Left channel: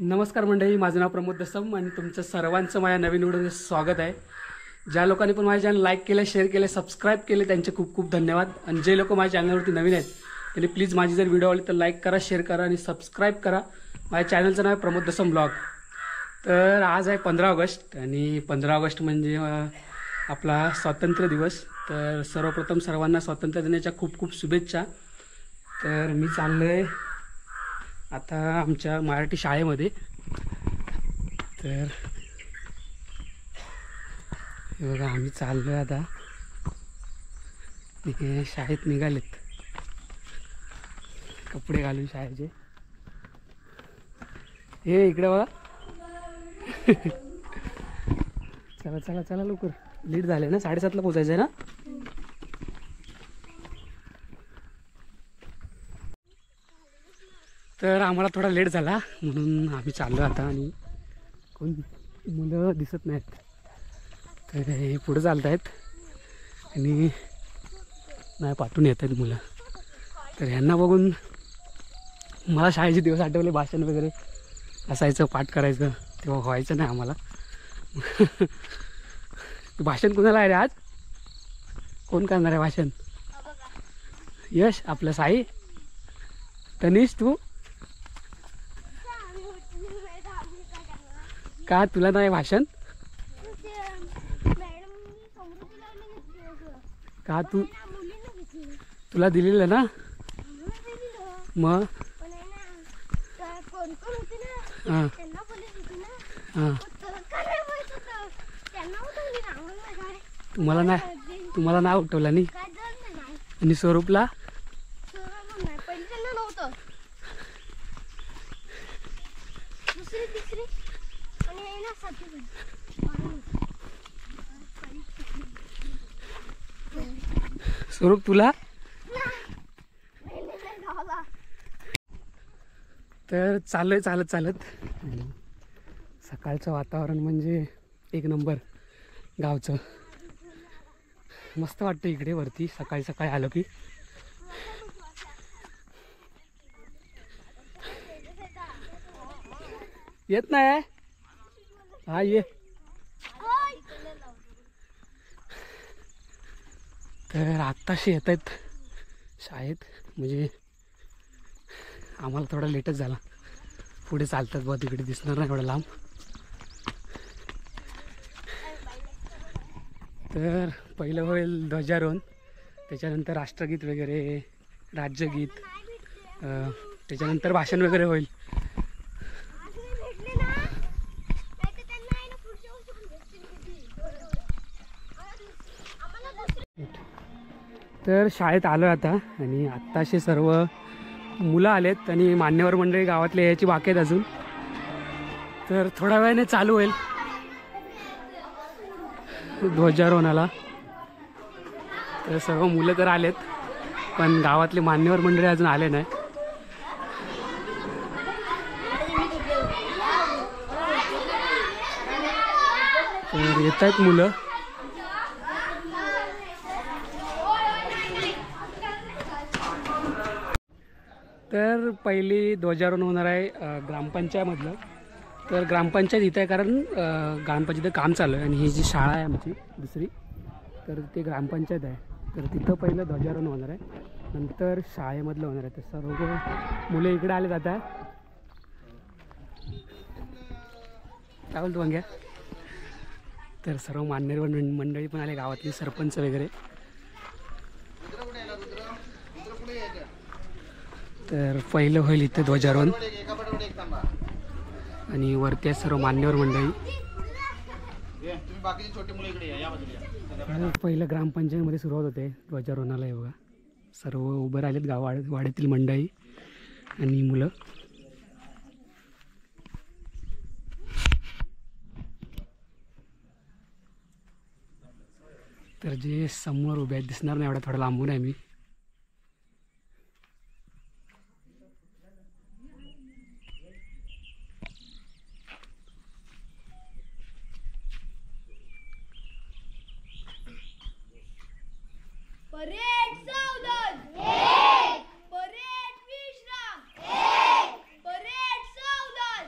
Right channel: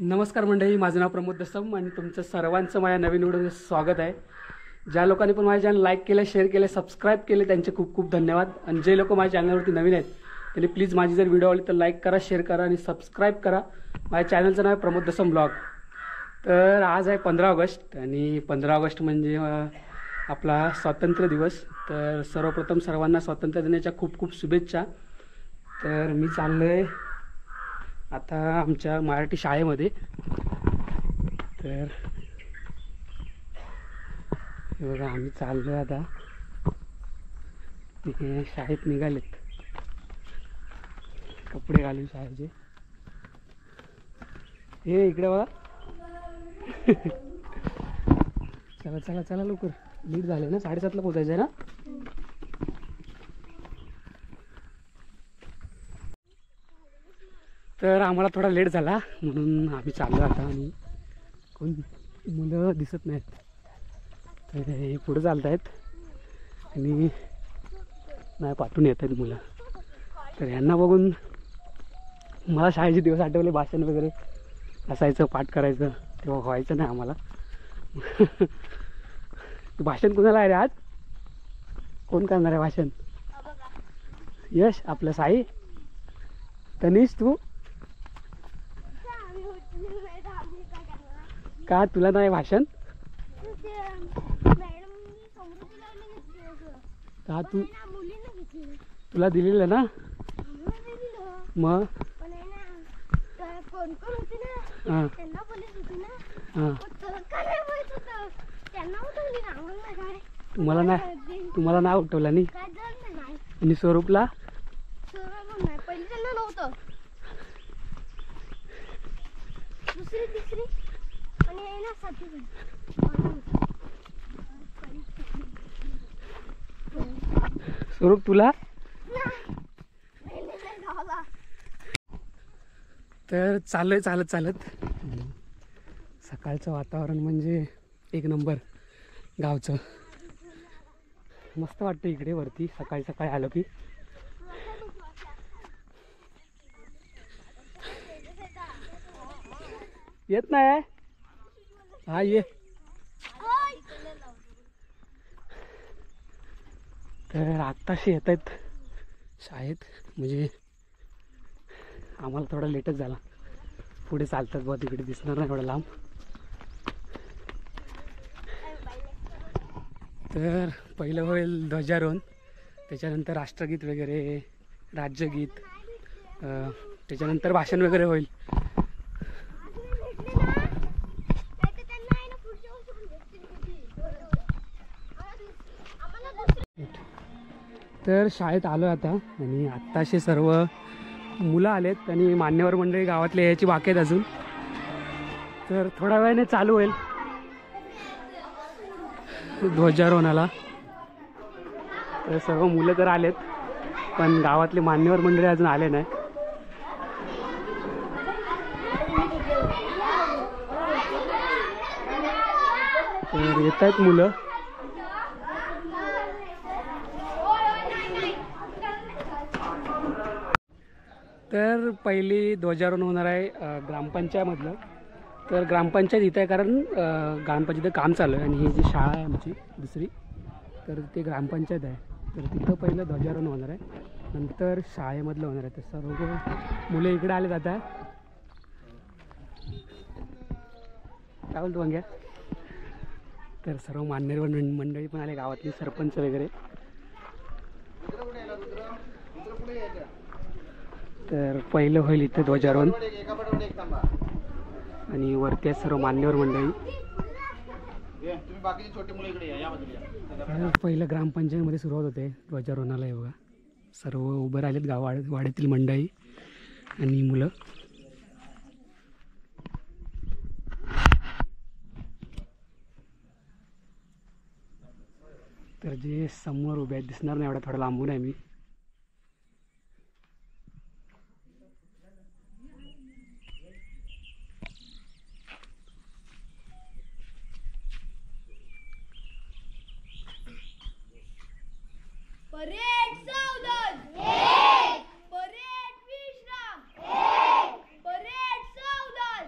नमस्कार मंडळी, माझं नाव प्रमोद दसम आणि तुमचं सर्वांचं माझ्या नवीन व्हिडिओमध्ये स्वागत आहे। ज्या लोकांनी पण माझ्या चॅनल लाईक केलं, शेअर केले, सबस्क्राईब केले त्यांचे खूप खूप धन्यवाद। आणि जे लोक माझ्या चॅनलवरती नवीन आहेत त्यांनी प्लीज माझी जर व्हिडिओ आवडली तर लाईक करा, शेअर करा आणि सबस्क्राईब करा। माझ्या चॅनलचं नाव आहे प्रमोद दसम ब्लॉग। तर आज आहे 15 ऑगस्ट आणि 15 ऑगस्ट म्हणजे आपला स्वातंत्र्य दिवस। तर सर्वप्रथम सर्वांना स्वातंत्र्य दिनाच्या खूप खूप शुभेच्छा। तर मी चाललो आहे आता आमच्या मराठी शाळेमध्ये। तर बघा आम्ही चाललो आहे आता, तिथे शाळेत निघालेत कपडे घालून शाळेचे। हे इकडे बघा चला चला चला लवकर, लेट झाले ना, 7:30ला पोचायचं आहे ना। तर आम्हाला थोडा लेट झाला म्हणून आम्ही चाललो आता आणि कोण मुलं दिसत नाहीत। तर हे पुढे चालत आहेत आणि नाही पाठवून येत आहेत मुलं। तर ह्यांना बघून मला शाळेचे दिवस आठवले, भाषण वगैरे असायचं, पाठ करायचं तेव्हा व्हायचं नाही आम्हाला। भाषण कोणाला आहे रे आज? कोण करणार आहे भाषण? यश, आपलं साई, तनिष, तू का तुला नाही भाषण? का तुला दिलेलं ना मग? हां हां, तुम्हाला नाही उठवलं नाही आणि स्वरूपला स्वरूप तुला। तर चाललोय चालत चालत। सकाळचं वातावरण म्हणजे एक नंबर, गावचं मस्त वाटतं इकडे वरती सकाळी सकाळी आलो की। येत नाही हा ये। तर आत्ताशी येत आहेत शाळेत, म्हणजे आम्हाला थोडा लेटच झाला। पुढे चालतात बघ, तिकडे दिसणार नाही एवढं लांब। तर पहिलं होईल ध्वजारोहण, त्याच्यानंतर राष्ट्रगीत वगैरे, राज्यगीत, त्याच्यानंतर भाषण वगैरे होईल। तर शाळेत आलो आता आणि आत्ताशे सर्व मुलं आलेत आणि मान्यवर मंडळी गावातले यायची बाकी आहेत अजून। तर थोड्या वेळाने चालू होईल ध्वजारोहणाला। तर सर्व मुलं तर आलेत पण गावातले मान्यवर मंडळी अजून आले नाही। तर येत आहेत मुलं। तर पहिली ध्वजारोहण होणार आहे ग्रामपंचायतमधलं। तर ग्रामपंचायत इथं आहे कारण ग्रामपंचायत काम चालू आहे आणि ही जी शाळा आहे आमची दुसरी, तर ते ग्रामपंचायत आहे। तर तिथं पहिलं ध्वजारोहण होणार आहे, नंतर शाळेमधलं होणार आहे। तर सर्व मुलं इकडे आले जात आहे। काय बोलतो वांग्या? तर सर्व मान्यवर मंडळी पण आले, गावातली सरपंच वगैरे। तर पहिलं होईल इथे ध्वजारोहण आणि वरती सर्व मान्यवर मंडळी। पहिलं ग्रामपंचायतमध्ये सुरुवात होते ध्वजारोहणाला। हे बघा सर्व उभं राहिलेत वाड्यातील मंडळी आणि मुलं। तर जे समोर उभे आहेत दिसणार नाही एवढा, थोडा लांबून आहे मी। परेड सावधान, परेड विश्राम, परेड सावधान।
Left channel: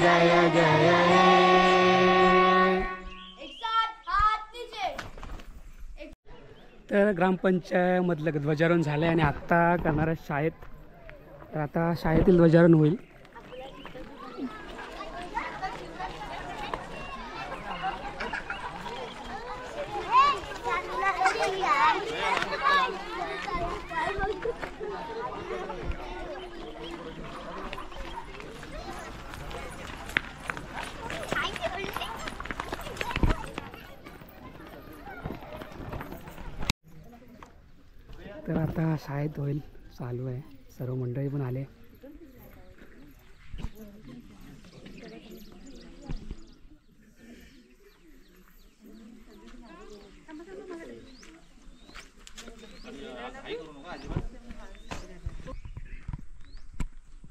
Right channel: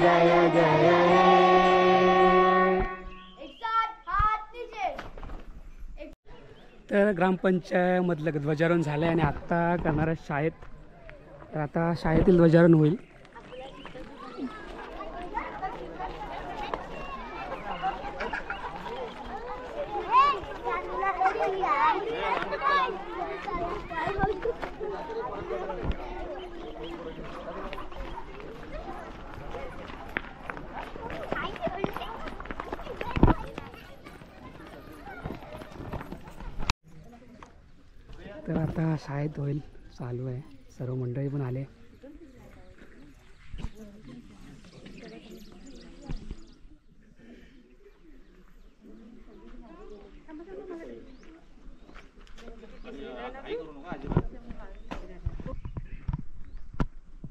जय जय हे. एक साथ हात नीचे. तर ग्रामपंचायतमधलं ध्वजारोहण झालं आहे आणि आत्ता करणार आहे शाळेत. तर आता शाळेतील ध्वजारोहण होईल. तर आता शाळेत होईल चालू आहे. सर्व मंडळी पण आले.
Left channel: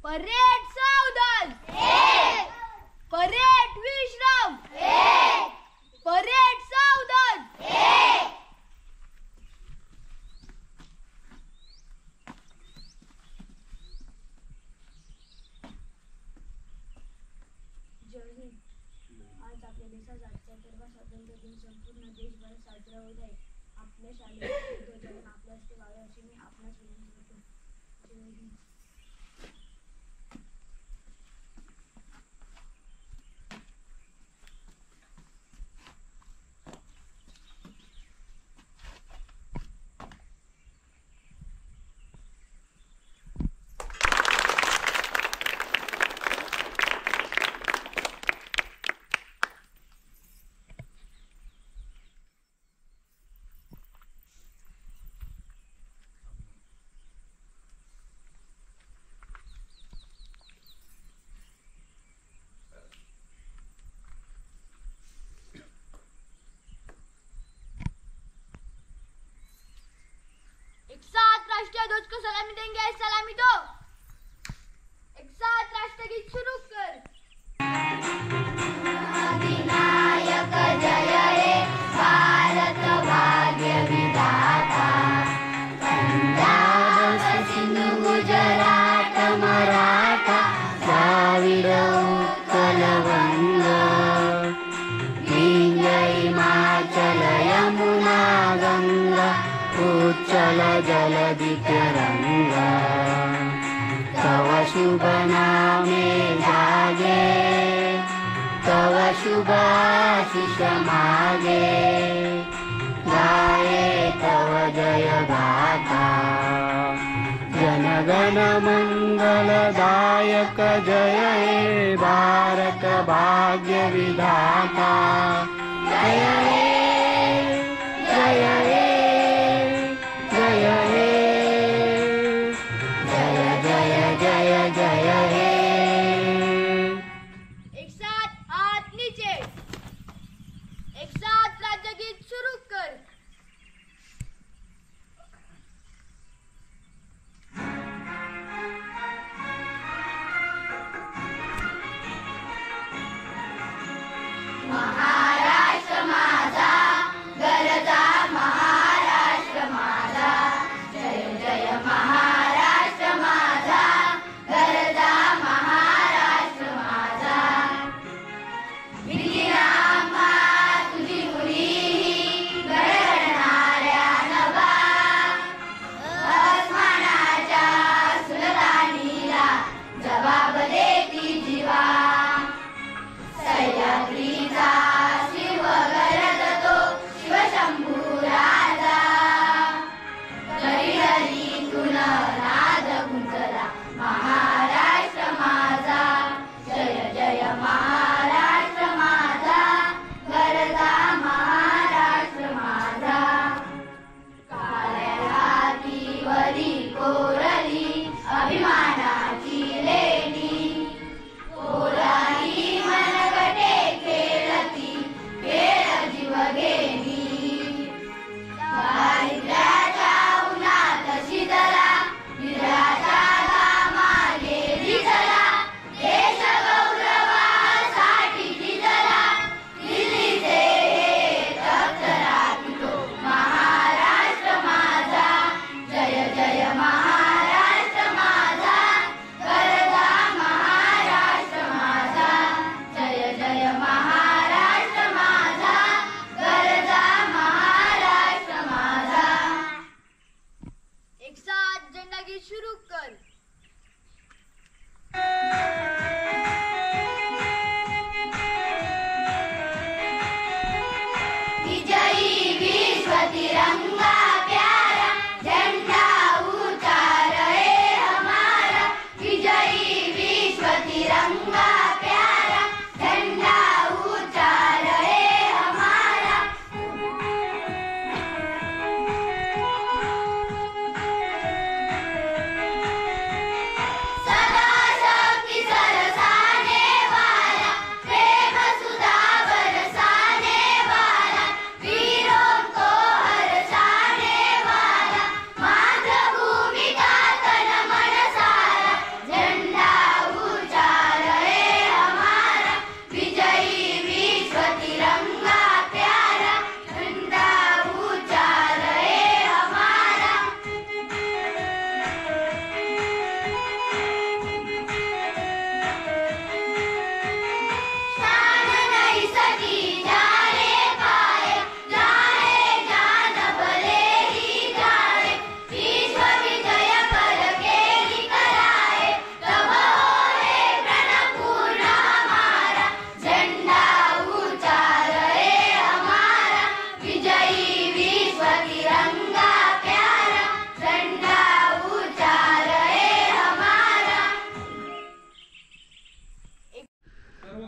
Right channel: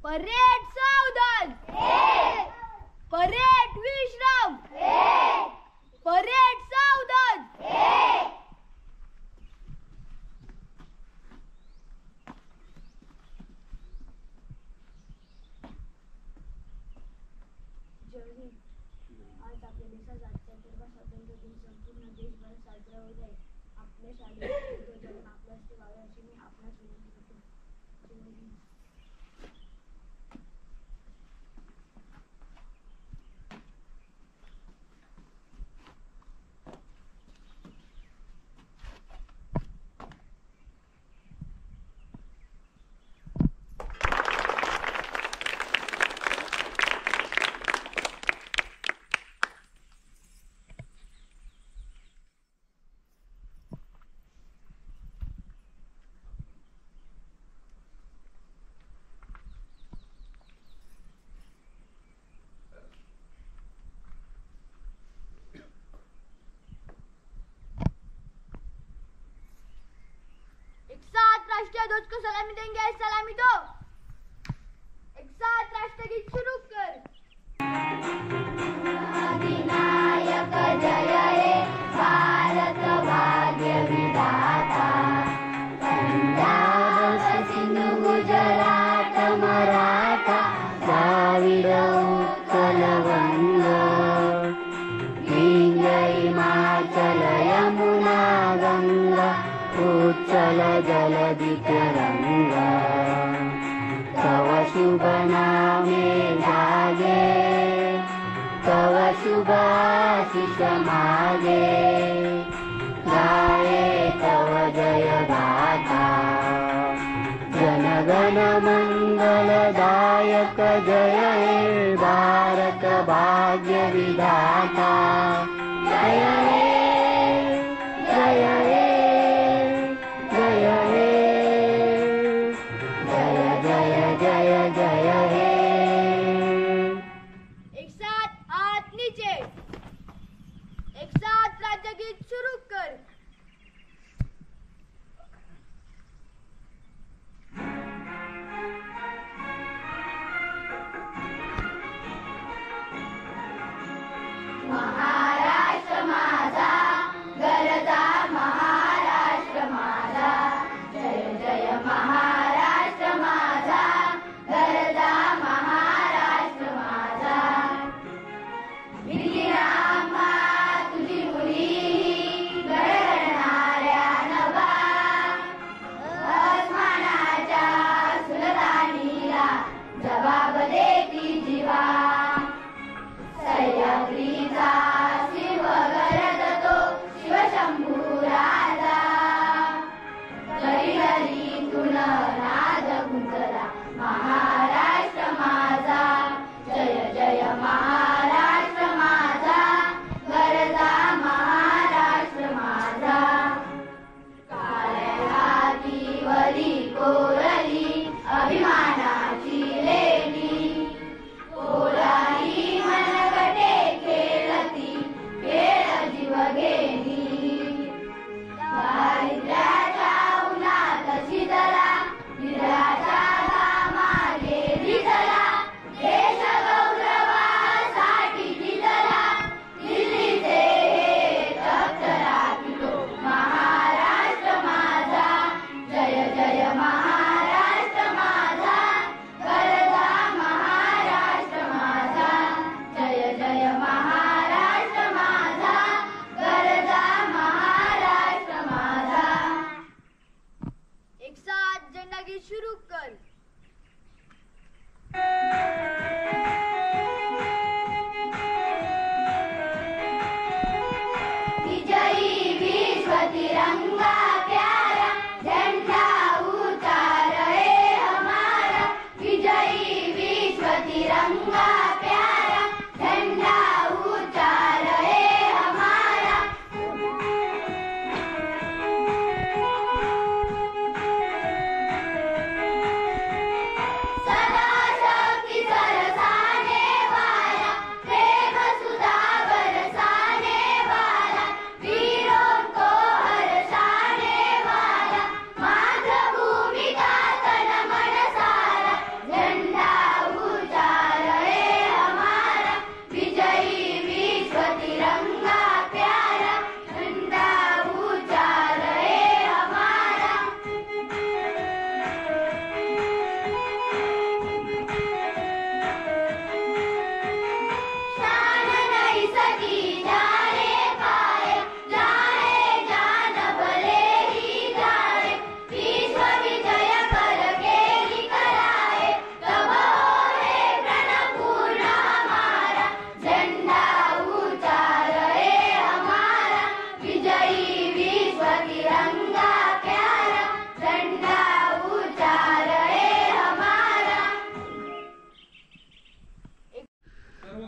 परेड सावधान. परेड विश्राम. परेड सावधान. आज आपल्या देशाचा 78वा स्वातंत्र्य दिन संपूर्ण देशभरात साजरा होत आहे. आपल्या शालेय ध्वजारोहण आपल्या हस्ते व्हावे अशी मी आपणास विनंती करतो. जय हिंद. एक साथ राष्ट्रीय ध्वज को सलामी देंगे. सलामी दो. एक साथ राष्ट्रगीत शुरू कर. अधिनायक जय हे भारत भाग्य विधाता. पंजाब सिंधु गुजरात मराठा द्राविड उत्कल वंग. गंगा हिमाचल यमुना गंगा उच्चल जलधि तरंगा. तव शुभ नामे जागे. तव शुभ आशीष मागे. गाये तव जय गाथा. जन गण मंगलदायक जय हे भारत भाग्य विधाता. जय हे जय हे जय हे जय जय जय जय हे. एक साथ हाथ नीचे. एक साथ राज्यगीत शुरू कर. महाराष्ट्र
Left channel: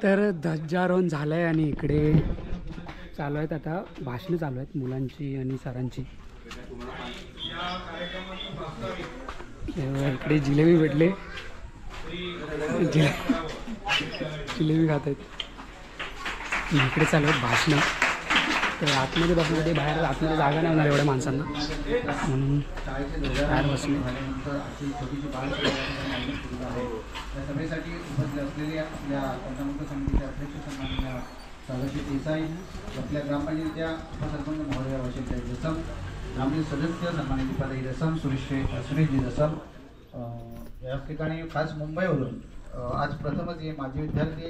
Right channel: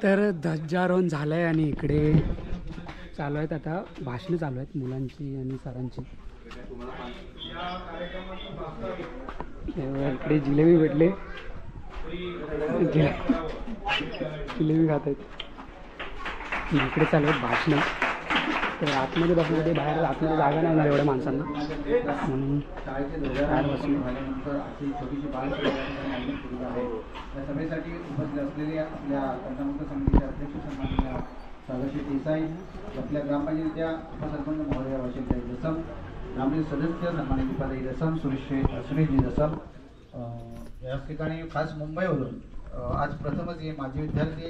तर ध्वजारोहण झालं आहे आणि इकडे चालू आहेत आता भाषणं चालू आहेत मुलांची आणि सरांची. इकडे जिलेबी भेटले, जिलेबी खात आहेत. इकडे चालू आहेत भाषणं. तर आतमध्ये बसण्यासाठी बाहेर आतमध्ये जागा नाही होणार एवढ्या माणसांना म्हणून बाहेर बसले. या सभेसाठी उपस्थित असलेले आपल्या पंचामृत समितीचे अध्यक्ष सन्माननीय सागरजी देसाई, आपल्या ग्रामपंचायतीच्या उपसरपंच महोदय वशिलताई दसम, ग्रामपंचायत सदस्य सन्माननीय दीपाताई दसम, सुरेशजी दसम. या ठिकाणी खास मुंबईवरून आज प्रथमच हे माजी विद्यार्थी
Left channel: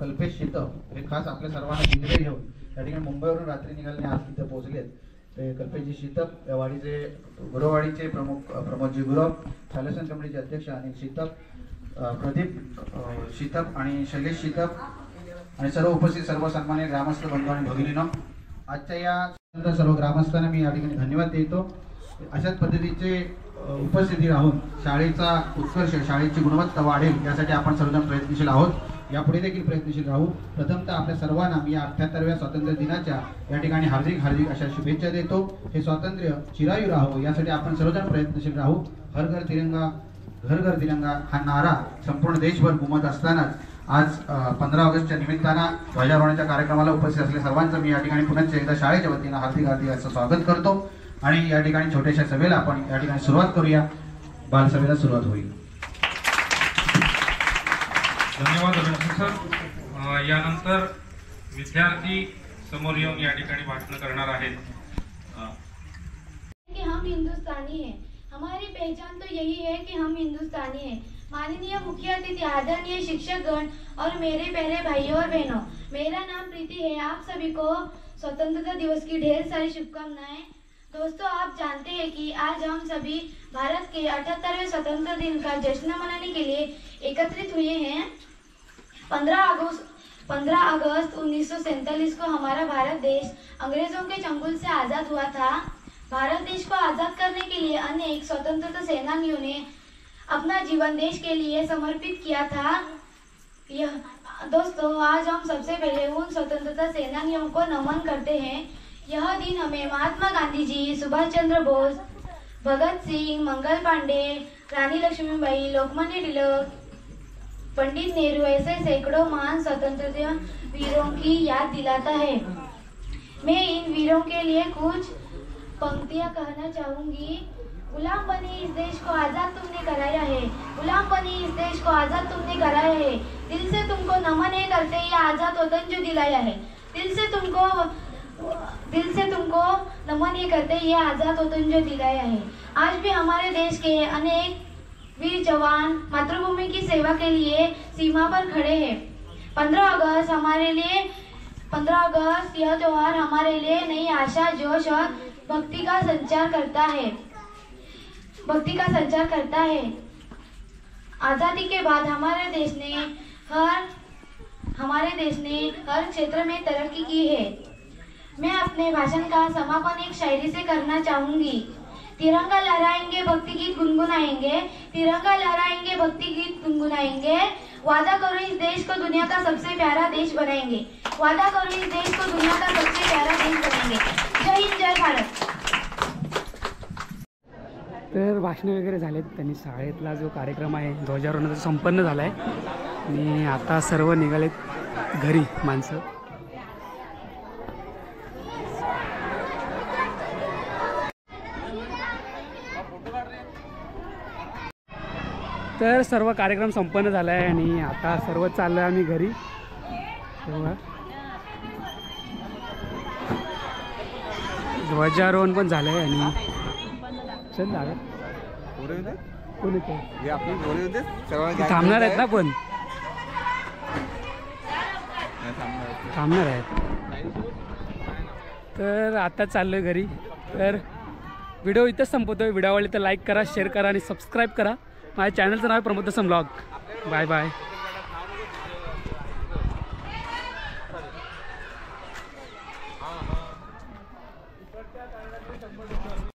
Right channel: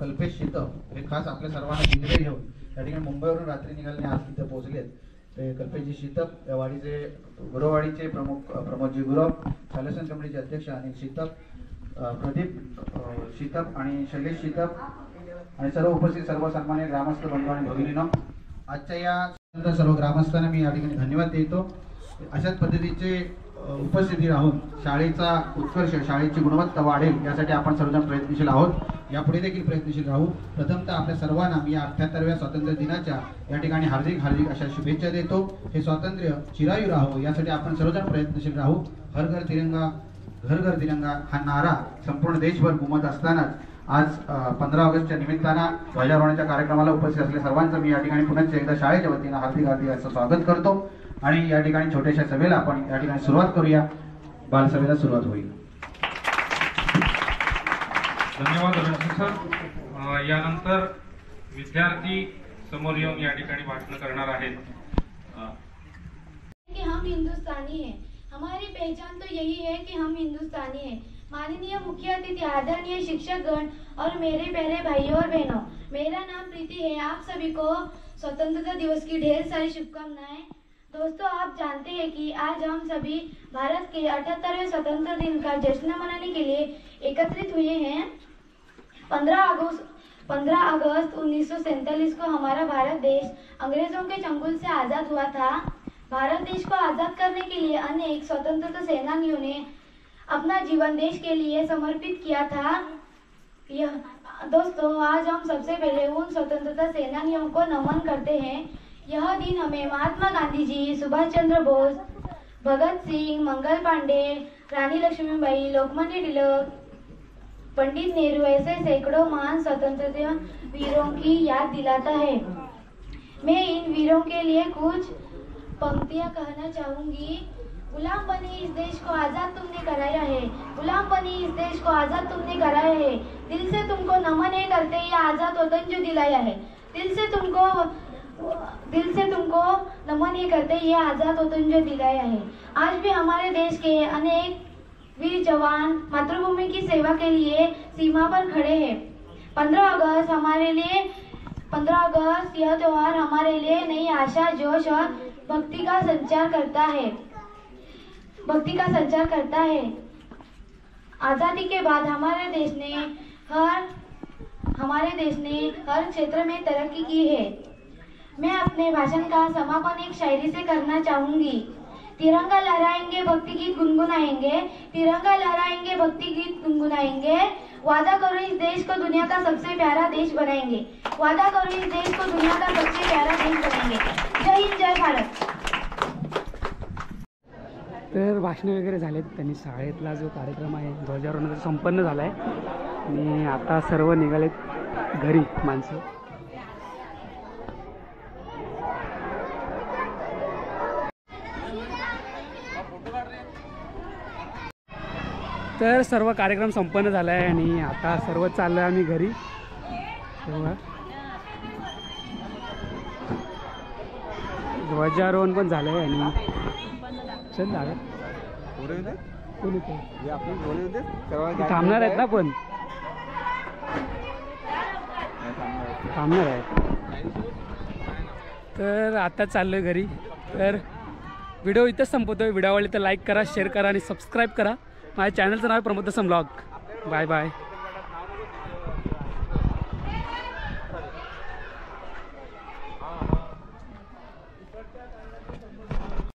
कल्पेश शितप हे खास आपल्या सर्वांना दिल्लीला घेऊन या ठिकाणी मुंबईवरून रात्री निघाल्याने आज तिथे पोहोचलेत. ते कल्पेशजी शितप या वाडीचे गुरववाडीचे प्रमुख प्रमोदजी गुरव, शालेसन कमिटीचे अध्यक्ष अनिल शितप, प्रदीप शितप आणि शैलेश शितप आणि सर्व उपस्थित सर्व सन्मान्य ग्रामस्थ बंधू आणि भगिनींनो, आजच्या या सर्व ग्रामस्थांना मी या ठिकाणी धन्यवाद देतो. अशाच पद्धतीचे उपस्थिती राहून शाळेचा उत्कर्ष, शाळेची गुणवत्ता वाढेल यासाठी आपण सर्वजण प्रयत्नशील आहोत. यापुढे देखील प्रयत्नशील राहू. प्रथमतः आपल्या सर्वांना मी 78व्या स्वातंत्र्य दिनाच्या या ठिकाणी हार्दिक अशा शुभेच्छा देतो. हे स्वातंत्र्य चिरायू राहो यासाठी आपण सर्वजण प्रयत्नशील राहू. हर घर तिरंगा, घर घर तिरंगा हा नारा संपूर्ण देशभर घुमत असतानाच आज 15 ऑगस्टच्या निमित्तानं ध्वजारोहणाच्या कार्यक्रमाला उपस्थित असलेल्या सर्वांचं मी या ठिकाणी पुन्हा एकदा शाळेच्या वतीनं हार्दिक असं स्वागत करतो. आणि या ठिकाणी छोट्याशा सभेला आपण या ठिकाणी सुरुवात करूया. बालसभेला सुरुवात होईल. धन्यवाद रणजित सर. यानंतर विद्यार्थी समोर येऊन या ठिकाणी भाषण करणार आहेत. कि हम हिंदुस्तानी हैं, हमारी पहचान तो यही है कि हम हिंदुस्तानी हैं. माननीय मुख्य अतिथि, आदरणीय शिक्षकगण और मेरे प्यारे भाइयों और बहनों, मेरा नाम प्रीति है. आप सभी को स्वतंत्रता दिवस की ढेर सारी शुभकामनाएं. दोस्तों, आप जानते हैं कि आज हम सभी भारत के 78वें स्वतंत्रता दिन का जश्न मनाने के लिए एकत्रित हुए हैं. 15 अगस्त 1947 को हमारा भारत देश अंग्रेजों के चंगुल से आज़ाद हुआ था. भारत देश को आज़ाद करने के लिए अनेक स्वतंत्रता सेनानियों ने अपना जीवन देश के लिए समर्पित किया था. दोस्तों, आज हम सबसे पहले उन स्वतंत्रता सेनानियों को नमन करते हैं. यह दिन हमें महात्मा गांधी जी, सुभाष चंद्र बोस, भगत सिंह, मंगल पांडे, रानी लक्ष्मीबाई, लोकमान्य तिलक, पंडित नेहरू ऐसे सैकड़ों महान स्वतंत्रता वीरों की याद दिलाता है. मैं इन वीरों के लिए कुछ पंक्तियां कहना चाहूंगी. गुलाम बने इस देश को आजाद तुमने कराया है, गुलाम बने इस देश को आजाद तुमने कराया है. दिल से तुमको नमन है करते ये आजाद वतन जो दिलाया है. दिल से तुमको नमन ये करते ये आजाद वतन जो दिलाया है. आज भी हमारे देश के अनेक वीर जवान मातृभूमि की सेवा के लिए सीमा पर खड़े हैं. 15 अगस्त यह त्योहार हमारे लिए नई आशा, जोश और भक्ति का संचार करता है. आजादी के बाद हमारे देश ने हर क्षेत्र में तरक्की की है. मैं अपने भाषण का समापन एक शायरी से करना चाहूंगी. तिरंगा लहराएंगे, भक्ति गीत गुनगुनाएंगे, तिरंगा लहराएंगे, भक्ति गीत गुनगुनाएंगे. वादा करो इस देश को दुनिया का सबसे प्यारा देश बनाएंगे. वादा करो इस देश को दुनिया का सबसे प्यारा देश बनाएंगे. जय हिंद, जय भारत. तर भाषणं वगैरे झालेत. त्यांनी शाळेतला जो कार्यक्रम आहे ध्वजारोहणाचा संपन्न झाला आहे आणि आता सर्व निघालेत घरी माणसं. तर सर्व कार्यक्रम संपन्न झाला आहे आणि आता सर्व चाललो आहे आम्ही घरी. तेव्हा ध्वजारोहण पण झालं आहे आणि चल लागत कोण येतो थांबणार आहेत ना, पण थांबणार आहेत. तर आता चाललो आहे घरी. तर व्हिडिओ इथंच संपवतो. व्हिडिओ आवडले तर लाईक करा, शेअर करा आणि सबस्क्राईब करा. माझ्या चॅनलचं नाव आहे प्रमोद दसम ब्लॉग. Bye bye.